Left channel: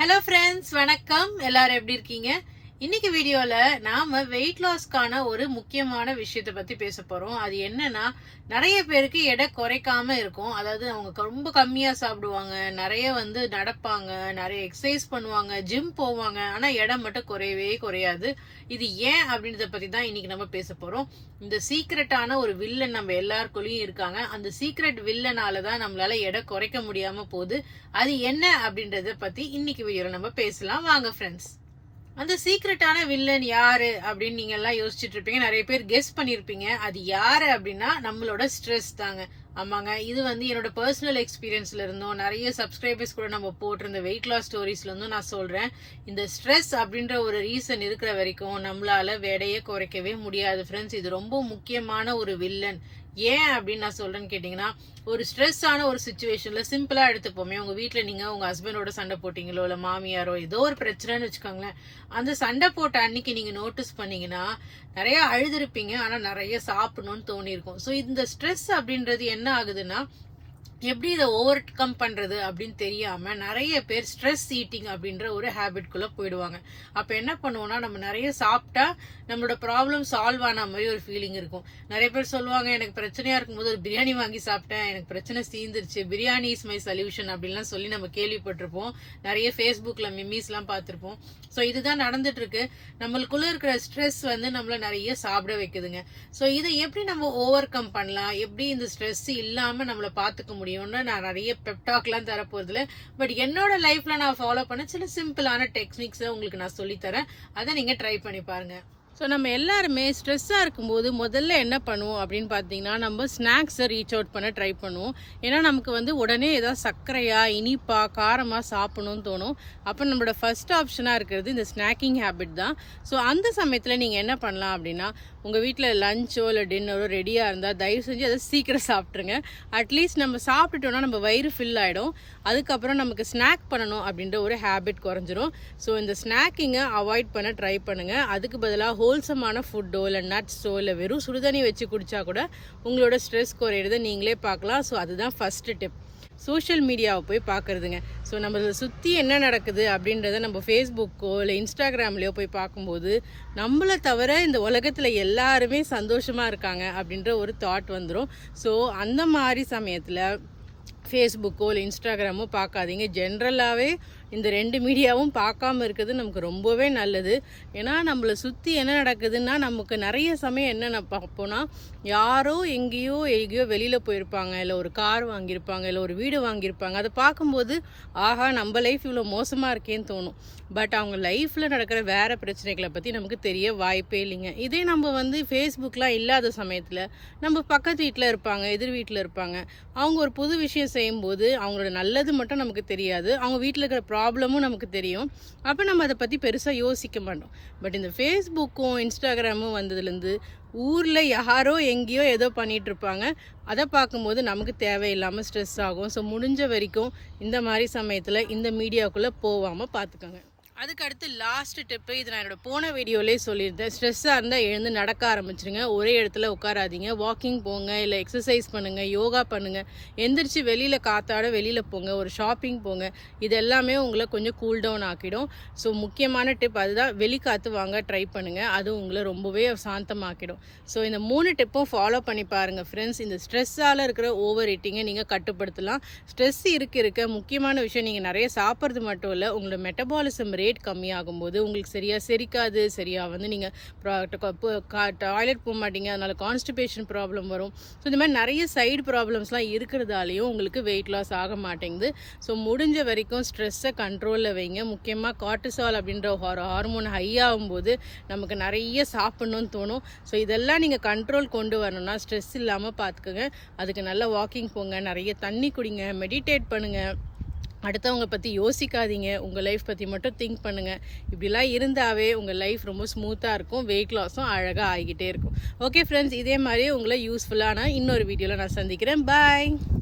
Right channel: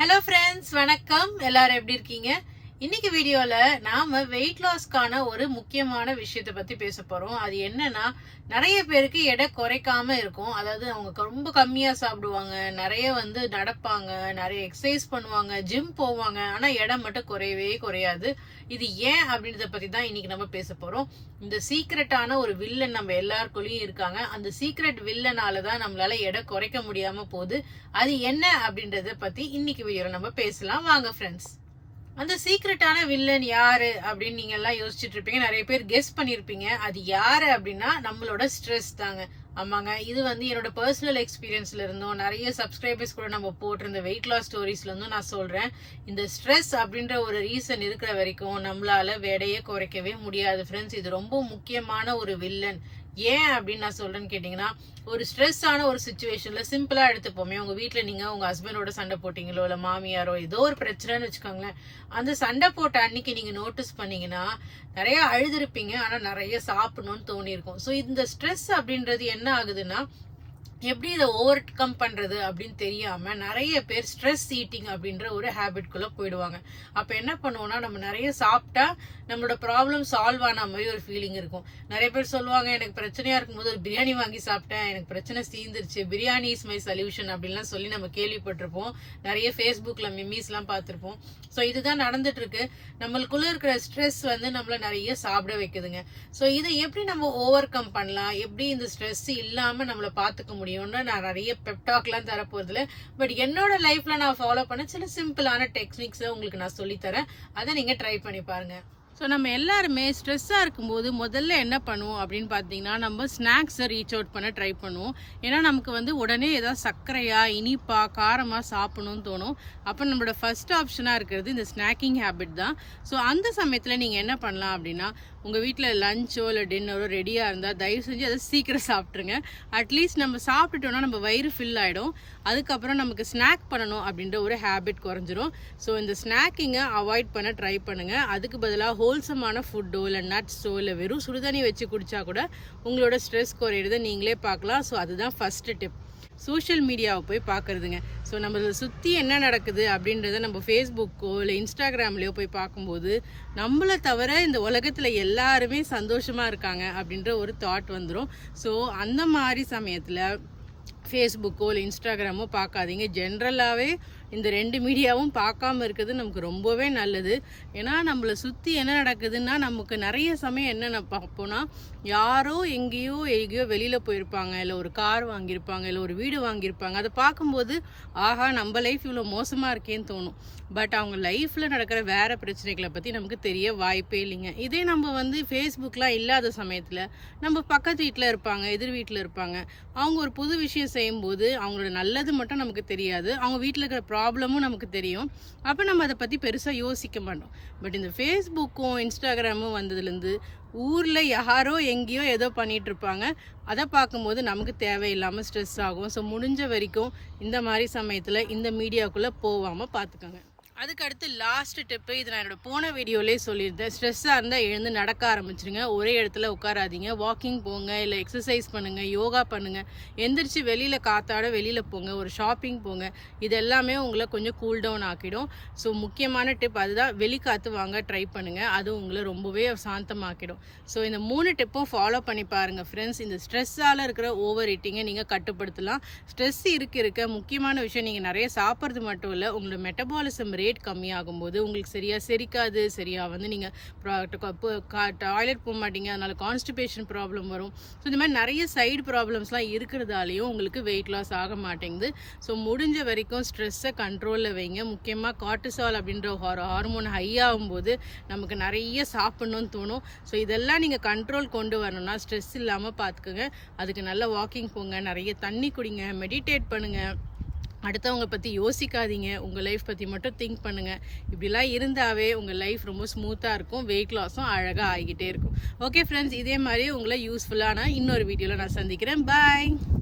Hello friends வணக்கம். எல்லாரும் எப்படி இருக்கீங்க? இன்னைக்கு வீடியோல நாம வெயிட் லாஸ்க்கான ஒரு முக்கியமான விஷயத்தை பத்தி பேச போறோம். அது என்னன்னா நிறைய பேருக்கு எடை குறைக்காம இருக்கும். அதாவது அவங்க ரொம்ப கம்மியா சாப்பிடுவாங்க. நிறைய வந்து நடப்பாங்க. நிறைய எக்ஸசைஸ் பண்ணுவாங்க. ஜிம் போவாங்க. ஆனா எடை மட்டும் குறையவே குறையாது. இது ஏன் அப்படின்றத பத்தி தான் இன்னைக்கு நம்ம பேச போறோம். இந்த சீக்ரெட்டான ஒரு வில்லன் நம்ம எல்லாருக்குள்ளயும் இருக்காங்க. அந்த சீக்ரெட் வில்லனால தான் நம்மளால எடை குறைக்க முடியாம போகுது. அது என்ன அப்படின்றத பத்தி இன்னைக்கு வீடியோல நம்ம பேசலாம். வாங்க ஃப்ரெண்ட்ஸ் அந்த சீக்ரெட்டான வில்லன் யாரு அப்படின்னு நீங்க எல்லாம் யோசிச்சுட்டு இருப்பீங்க. நிறைய பேர் கெஸ் பண்ணிருப்பீங்க. அது யாரு அப்படின்னா நம்மளோட ஸ்ட்ரெஸ் தாங்க. ஆமாங்க. இது வந்து என்னோட பர்சனல் எக்ஸ்பீரியன்ஸ்ல இருந்தும் நிறைய சப்ஸ்கிரைபர்ஸ் கூட நம்ம போட்டிருந்த வெயிட் லாஸ் ஸ்டோரிஸ்ல இருந்தும் நான் சொல்றேன். இந்த ஸ்ட்ரெஸ் அப்படின்ற ஒரு ரீசன் இருக்கிற வரைக்கும் நம்மளால வேடையை குறைக்கவே முடியாது ஃப்ரெண்ட்ஸ் இது ரொம்ப முக்கியமான ஒரு வில்லன் ஏன் அப்படின்னு நான் சொல்றேன்னு கேட்டீங்கன்னா ஒரு ஸ்ட்ரெஸ் ஆன ஒரு சுச்சுவேஷன்ல சிம்பிளா எடுத்துப்போமே உங்க வீட்ல நீங்க உங்க ஹஸ்பண்டோட சண்டை போட்டீங்களோ இல்ல மாமியாரோ ஏதோ ஒரு பிரச்சனைன்னு வச்சுக்கோங்களேன் அந்த சண்டை போட்ட அன்னைக்கு நீங்க நோட்டீஸ் பண்ணீங்கன்னா நிறைய அழுதுருப்பீங்க ஆனா நிறைய சாப்பிடணும்னு தோணி இருக்கும் ஸோ இந்த ஸ்ட்ரெஸ் அப்படின்றது என்ன ஆகுதுன்னா எப்படி இதை ஓவர் கம் பண்றது அப்படின்னு தெரியாம நிறைய பேர் ஸ்ட்ரெஸ் ஈட்டிங் அப்படின்ற ஒரு ஹேபிட்குள்ள போயிடுவாங்க. அப்ப என்ன பண்ணுவோம்னா நம்ம நிறைய சாப்பிட்டா நம்மளோட ப்ராப்ளம் சால்வ் ஆன மாதிரி ஒரு ஃபீலிங் இருக்கும். நிறைய பேர் சொல்லுவாங்க எனக்கு பிரச்சனையா இருக்கும்போது ஒரு பிரியாணி வாங்கி சாப்பிட்டேன். எனக்கு பிரச்சனை தீந்துருச்சு பிரியாணி இஸ் மை சொல்யூஷன் அப்படின்லாம் சொல்லி நம்ம கேள்விப்பட்டிருப்போம். நிறைய ஃபேஸ்புக்ல மிம்மிஸ் எல்லாம் பார்த்திருப்போம். ஸோ இதுதான் நடந்துட்டு இருக்கு நம்மளுக்குள்ள இருக்கிற ஸ்ட்ரெஸ் வந்து நம்மள நிறைய சாப்பிட வைக்குதுங்க. ஸோ இதை எப்படி நம்ம ஓவர் கம் பண்ணலாம்? எப்படி இந்த ஸ்ட்ரெஸ் இல்லாம நம்மள பாத்துக்க முடியும்னு நான் நிறைய பெப்டாக்லாம் தர பட் என்னோட லைஃப்ல நான் ஃபாலோ பண்ண சில சிம்பிளான டெக்னிக்ஸை உங்களுக்கு நான் சொல்லித்தரேன். அதை நீங்க ட்ரை பண்ணி பாருங்க. ஸோ நம்ம எல்லாருமே ஸ்ட்ரெஸ்ஸாக இருக்கும்போது முதல்ல என்ன பண்ணுவோம் அப்படின்னு பார்த்தீங்கன்னா நம்ம ஸ்நாக்ஸை ரீச் அவுட் பண்ண ட்ரை பண்ணுவோம். ஏன்னா நமக்கு வந்து உடனே ஏதாவது சர்க்கரையா இனிப்பா காரமாக சாப்பிடணும்னு தோணும். அப்போ நம்மளோட ஃபர்ஸ்ட் ஆப்ஷனாக இருக்கிறது இந்த ஸ்நாக்கிங் ஹேபிட் தான். ஸோ அந்த சமயத்தில் நீங்கள் என்ன பண்ணலாம் அப்படின்னா உங்கள் வீட்டில் லஞ்சோ இல்லை டின்னரோ ரெடியாக இருந்தால் தயவு செஞ்சு அதை சீக்கிரம் சாப்பிட்ருங்க அட்லீஸ்ட் நம்ம சாப்பிட்டுட்டோம்னா நம்ம வயிறு ஃபில் ஆகிடும் அதுக்கப்புறம் நமக்கு ஸ்நாக் பண்ணணும் அப்படின்ற ஒரு ஹேபிட் குறைஞ்சிரும். ஸோ இந்த ஸ்நாக்கிங்கை அவாய்ட் பண்ண ட்ரை பண்ணுங்கள் அதுக்கு பதிலாக ஹோல்சமான ஃபுட்டோ இல்லை நட்ஸோ இல்லை வெறும் சுடுதண்ணி வச்சு குடித்தா கூட உங்களோட ஸ்ட்ரெஸ் குறையிறத நீங்களே பார்க்கலாம். ஸோ அதுதான் ஃபஸ்ட்டு டிப் சோஷியல் மீடியாவை போய் பார்க்குறதுங்க. ஸோ நம்மளை சுற்றி என்ன நடக்குது அப்படின்றத நம்ம ஃபேஸ்புக்கோ இல்லை இன்ஸ்டாகிராம்லேயோ போய் பார்க்கும்போது நம்மளை தவிர இந்த உலகத்தில் எல்லாருமே சந்தோஷமாக இருக்காங்க அப்படின்ற ஒரு தாட் வந்துடும் ஸோ அந்த மாதிரி சமயத்தில் ஃபேஸ்புக்கோ இல்லை இன்ஸ்டாகிராமோ பார்க்காதீங்க. ஜென்ரலாகவே இந்த ரெண்டு மீடியாவும் பார்க்காம இருக்கிறது நமக்கு ரொம்பவே நல்லது. ஏன்னா நம்மளை சுற்றி என்ன நடக்குதுன்னா நமக்கு நிறைய சமயம் என்ன பார்ப்போம்னா யாரோ எங்கேயோ எங்கேயோ வெளியில் போயிருப்பாங்க. இல்லை ஒரு கார் வாங்கியிருப்பாங்க. இல்லை ஒரு வீடு வாங்கியிருப்பாங்க. அதை பார்க்கும்போது ஆஹா நம்ம லைஃப் இவ்வளோ மோசமாக இருக்கேன்னு தோணும். பட் அவங்க லைஃப்பில் நடக்கிற வேறு பிரச்சனைகளை பற்றி நமக்கு தெரிய வாய்ப்பே இல்லைங்க. இதே நம்ம வந்து ஃபேஸ்புக்கெலாம் இல்லாத சமயத்தில் நம்ம பக்கத்து வீட்டில் இருப்பாங்க எதிர் வீட்டில் இருப்பாங்க. அவங்க ஒரு புது விஷயம் செய்யும்போது அவங்களோட நல்லது மட்டும் நமக்கு தெரியாது. அவங்க வீட்டில் இருக்கிற ப்ராப்ளமும் நமக்கு தெரியும். அப்போ நம்ம அதை பற்றி பெருசாக யோசிக்க மாட்டோம். பட் இந்த ஃபேஸ்புக்கும் இன்ஸ்டாகிராமும் வந்ததுலேருந்து ஊரில் யாரோ எங்கேயோ ஏதோ பண்ணிகிட்ருப்பாங்க இருப்பாங்க அதை பார்க்கும்போது நமக்கு தேவையில்லாமல் ஸ்ட்ரெஸ் ஆகும். ஸோ முடிஞ்ச வரைக்கும் இந்த மாதிரி சமயத்தில் இந்த மீடியாவுக்குள்ளே போகாமல் பார்த்துக்கோங்க. அதுக்கு அடுத்து லாஸ்ட் டிப்பு இது நான் என்னோட போன வீடியோலேயே சொல்லியிருந்தேன். ஸ்ட்ரெஸ்ஸாக இருந்தால் எழுந்து நடக்க ஆரம்பிச்சிருங்க. ஒரே இடத்துல உட்காராதீங்க. வாக்கிங் போங்க இல்லை எக்ஸசைஸ் பண்ணுங்கள் யோகா பண்ணுங்கள் எந்திரிச்சு வெளியில் காத்தாட வெளியில் போங்க ஒரு ஷாப்பிங் போங்க. இது எல்லாமே உங்களை கொஞ்சம் கூல் டவுன் ஆக்கிடும். ஸோ முக்கியமான டிப் அதுதான். வெளிக்காத்து வாங்க ட்ரை பண்ணுங்கள் அது உங்களை ரொம்பவே சாந்தமாக்கிடும். ஸோ இந்த மூணு டிப்பும் ஃபாலோ பண்ணி பாருங்கள் ஃப்ரெண்ட்ஸ் இந்த ஸ்ட்ரெஸ்ஸால் இருக்கிற ஓவர் ஈட்டிங்கை நீங்கள் கட்டுப்படுத்தலாம். ஸ்ட்ரெஸ் இருக்க இருக்க. முக்கியமான விஷயம் நீங்கள் நிறைய சாப்பிட்றது மட்டும் இல்லை உங்களோட மெட்டபாலிசம் ரேட் ரேட் கம்மியாகும் போது உங்களுக்கு சரியாக செரிக்காது சரியாக வந்து நீங்கள் டாய்லெட் போக மாட்டீங்க அதனால் கான்ஸ்டிபேஷன் ப்ராப்ளம் வரும். ஸோ இந்த மாதிரி நிறைய சைடு ப்ராப்ளம்ஸ்லாம் இருக்கிறதாலையும் உங்களுக்கு வெயிட் லாஸ் ஆக மாட்டேங்குது. ஸோ முடிஞ்ச வரைக்கும் ஸ்ட்ரெஸ்ஸை கண்ட்ரோலில் வைங்க. முக்கியமாக கார்டிசால் அப்படின்ற ஒரு ஹார்மோன் ஹை ஆகும்போது நமக்கு நிறைய சாப்பிட்ணுன்னு தோணும். ஸோ இதெல்லாம் நீங்கள் கண்ட்ரோல் கொண்டு வரணும்னா ஸ்ட்ரெஸ் இல்லாமல் பார்த்துக்குங்க அதுக்கு நல்லா வாக்கிங் போங்க நிறைய தண்ணி குடிங்க மெடிடேட் பண்ணுங்கள் அடுத்தவங்க பற்றி யோசிக்காதீங்க. உங்கள் லைஃப் பற்றி மட்டும் திங்க் பண்ணுங்கள் இப்படிலாம் இருந்தாவே உங்கள் லைஃப் ரொம்ப ஸ்மூத்தாக இருக்கும். வெயிட் லாஸும் அழகாக ஆகிக்கிட்டே இருக்கும். ஓகே ஃப்ரெண்ட்ஸ் இதே மாதிரி உங்களை யூஸ்ஃபுல்லான இன்னொரு வீடியோவில் நான் சந்திக்கிறேன். பாய்